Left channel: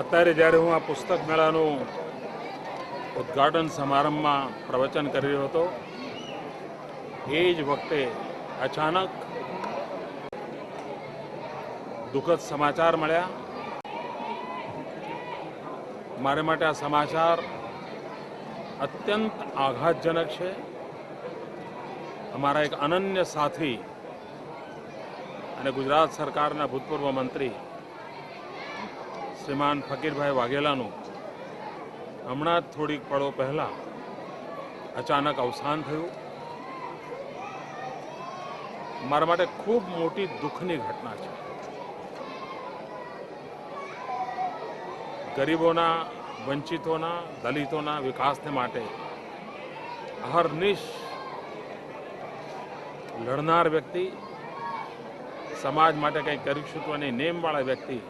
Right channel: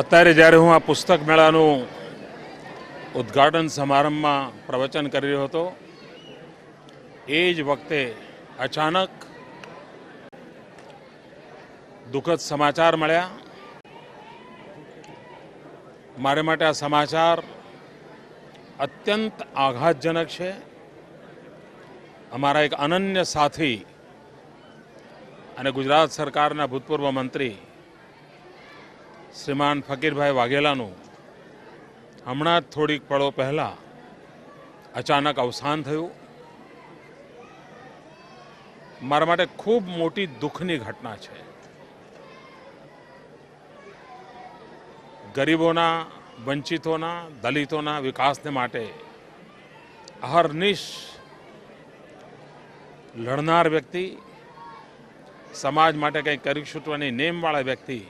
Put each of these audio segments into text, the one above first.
અત્યારે જ્યારે હું આ પુસ્તક મેળાનું ઉદ્ઘાટન સમારંભમાં પ્રવચન કરી રહ્યો હતો એ જ વખતે અચાનક દુઃખદ સમાચાર મળ્યા. મારે માટે આ સમાચાર અત્યંત આઘાતજનક છે. અમારા એક અનન્ય સાથી અને ગુજરાત સરકારના ભૂતપૂર્વ મંત્રી શ્રીમાન ફકીરભાઈ વાઘેલાનું હમણાં જ થોડીક પળો પહેલાં અચાનક અવસાન થયું. મારા માટે ખૂબ મોટી દુઃખની ઘટના છે. ગરીબોના, વંચિતોના, દલિતોના વિકાસને માટે અહર્નિશ લડનાર વ્યક્તિ, સમાજ માટે કંઈક કરી છૂટવાની નેમવાળા વ્યક્તિ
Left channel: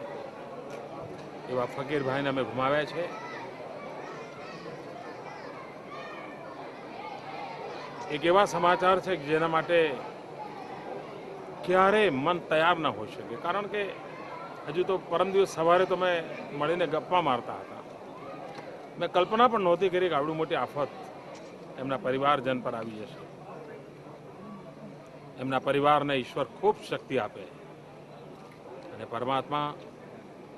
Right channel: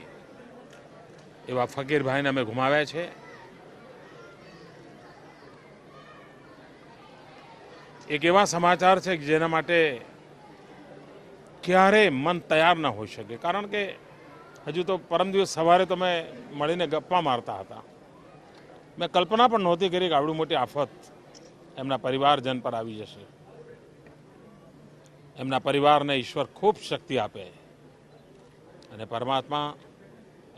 એવા ફકીરભાઈને અમે ગુમાવ્યા છે. એક એવા સમાચાર છે કે જેના માટે ક્યારેય મન તૈયાર ન હોઈ શકે. કારણ કે હજુ તો પરમ દિવસ સવારે તો મેં મળીને ગપ્પા મારતા હતા. મેં કલ્પના પણ નહોતી કરી કે આવડી મોટી આફત એમના પરિવારજન પર આવી જશે. એમના પરિવારને ઈશ્વર ખૂબ શક્તિ આપે અને પરમાત્મા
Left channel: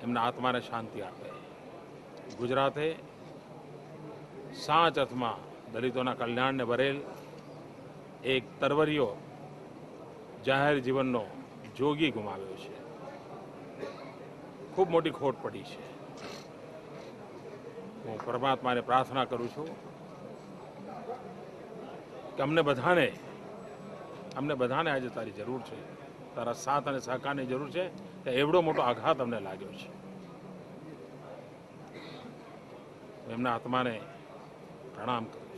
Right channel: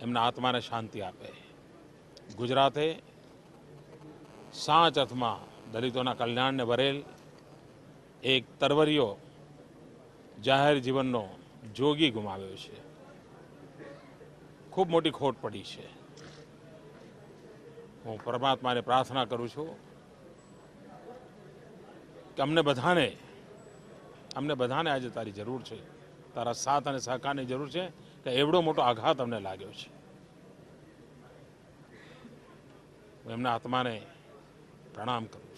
એમના આત્માને શાંતિ આપે. ગુજરાતે સાચ અર્થમાં દલિતોના કલ્યાણને ભરેલ એક તરવરિયો જાહેર જીવનનો જોગી ગુમાવ્યો છે. ખૂબ મોટી ખોટ પડી છે. હું પરમાત્માને પ્રાર્થના કરું છું કે અમને બધાને આજે તારી જરૂર છે, તારા સાથ અને સહકારની જરૂર છે કે એવડો મોટો આઘાત અમને લાગ્યો છે. એમના આત્માને પ્રણામ કરું.